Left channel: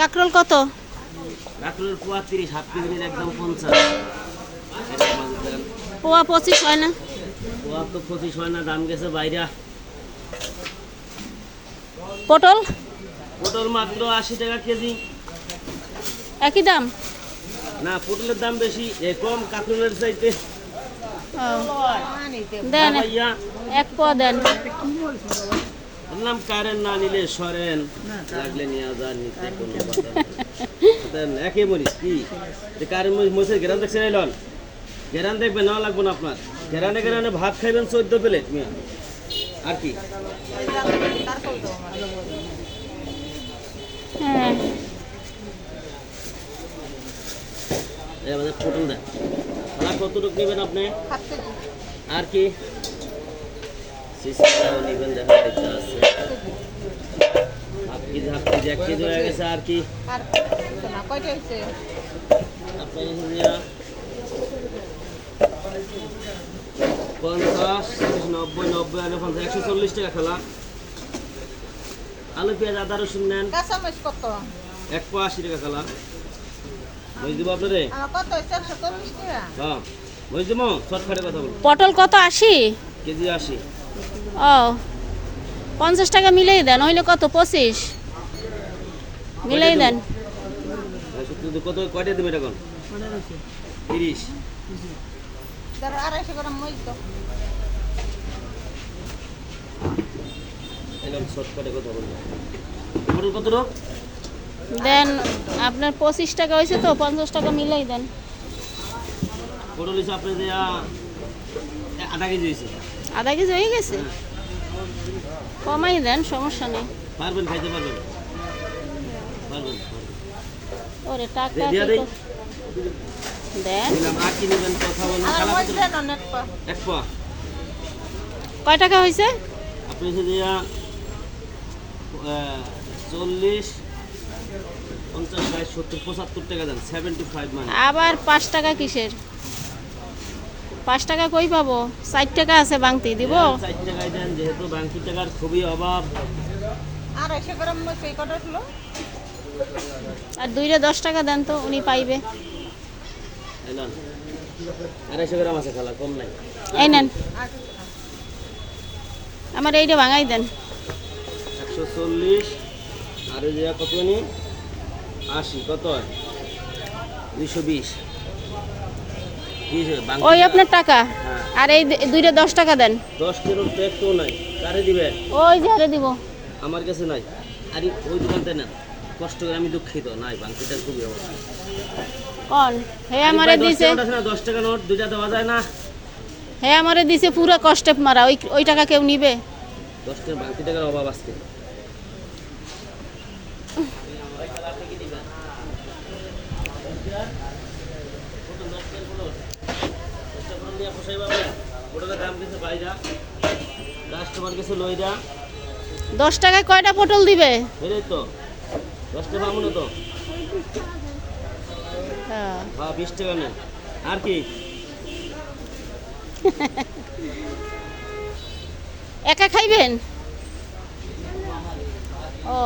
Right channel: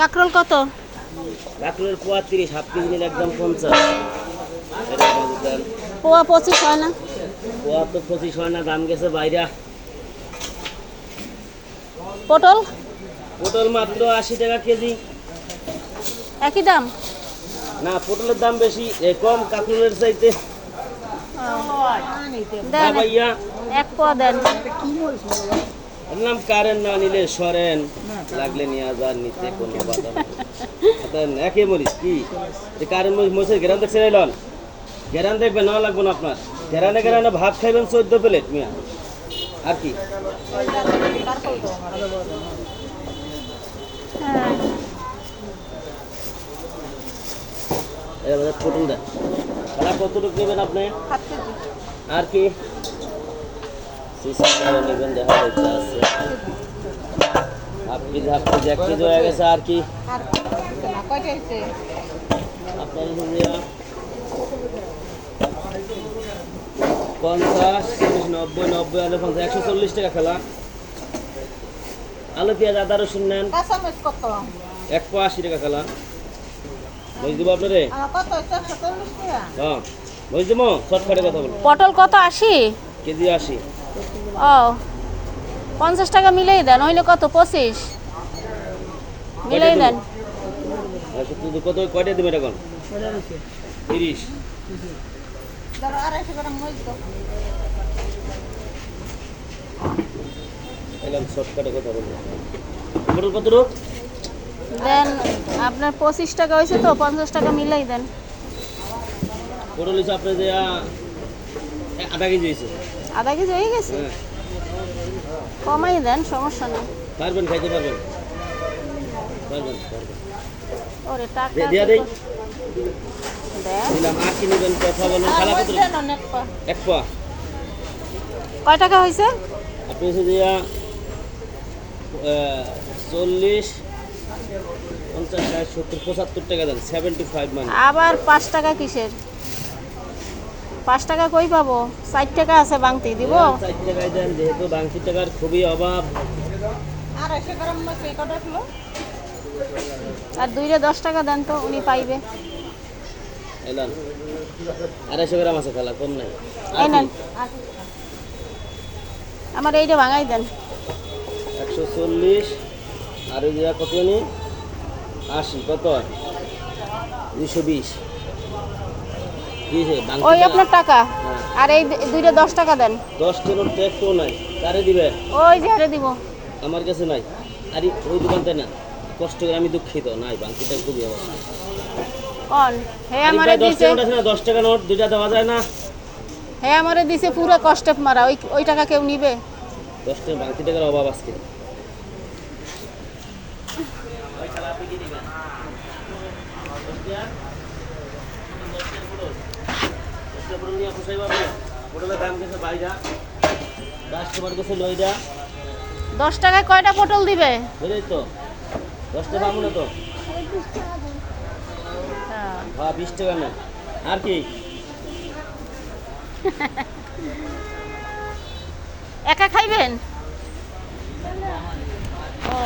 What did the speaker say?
কাকরোল কত? কাঁকরোলের পোয়া 30, half KG নিলে একদম 50। এরকম দাম। পোয়া 25 হয় না? পোয়া তো 25 হয় না, দাম গেছে বাইরা। পটল পটল মাত্র 80 টাকা কেজি। একই দাম? না, পটলের দাম বেশি, কম কাঁকরোলের চাইতে। দেন ভাইয়া, এক পোয়া দেন। বললাম কারেন্ট না নিলে সরেন, লাগলে নিয়ে যান, নিতে কোনো বাধা নেই। একই মরিচ কি কারেন্ট মরিচের গ্রাম দেখছে এলন, গ্রাম দেখবেন নেওয়া লাগবে না আপনার। গ্রানে গ্রানে ভাত খাইবেন 14 প্লেট মিয়া, আর কি। হ্যাঁ। এবার পটল দেন, কতটুকু নেবেন আপনি? আর কি নেবেন দেখা যাচ্ছে আছে হাফ কেজি, 1 কেজি হয়ে গেছে। আর কি আপনার 50, 90, 90, আলু 50, 140 টাকা খেলা। আলু পেঁয়াজ আদা রসুন নেন, 180 টাকা খেলা। বুঝ দিব আপনারে? হ্যাঁ বুঝ দিব, শর্টকাটে কথা বলুন। পটল কত? 80 কেজি 80। ও 50 টাকা মিলাই দেন, হইলে কত? 25 মিলাই দেন। কত কয়টা দেবেন এখন? 30। এলাম শর্টকাটে কথা বলবো। পটল কত রোগ দেন আপনার 25 টাকা হয়েছে তো, 50 টাকা মিলাই দেন। পটল হিসাব আপনি যে আধা কেজি হয়েছে। আধা কেজি হয়ে গেছে? হ্যাঁ, কমাই দেন, সমস্যা নেই। পারবেন, খাইতে পারবেন, পারবেন পারবেন। ওরে টাকা দিয়া দেই দেন। দিলাম। আর কি নেবেন কথা বলেন। শালা কত? এক পোয়া। কয় টাকা হয়েছে? আপনি হচ্ছে দিয়া 40, 50, 60, 70, 75 টাকা দেন। 75 মানে। আবার 5 টাকা কিসের? 5 টাকা কই পাবো? 60 টাকা আছে, বাংতি দিব। 4 টাকায় দেন, যেহেতু বাংশি টাকার খুবই অভাব। আর 2 10 টাকা দেন তো, উনি পাইবে। এলাম 250 গ্রাম আছে খালা, কম নাই। এই নেন, আমার এইটা ভাঙাই দেন। 140 আর ওই জায়গা কত জানি 80, কত হয়? 220। ওই আপনার টাকা। হ্যাঁ। আর এই 10 টাকা দেন। 10 কিলোর তো একটু নাই, কারে দিবেন? ওই যে হারে দিব। আমার কাছে নাই। আরে ওই দোকানটাই না, কষ্ট করে, আমি দুঃখিত, নাই বাংকিটা খুবই অবস্থা। কোন হে আমারে দিছে? 10 টাকা নোট দুইটা দেওয়া যায় না? হে আমারে দিছে পুরো কষ্টে মারা, ওই টাকা কেউ নিবে? 10 টাকা বাংকি টাকার অভাব আজকে। দাম গেছে বাইরা, কাস্টমার গেছে লইরা। 10 টাকায় কয়টা পটল দিবে? বুঝলি তো, 10 টাকা আমলে তো। হ্যাঁ। হ্যাঁ 20 টাকা নেই। আর কি একা খাইবেন? ও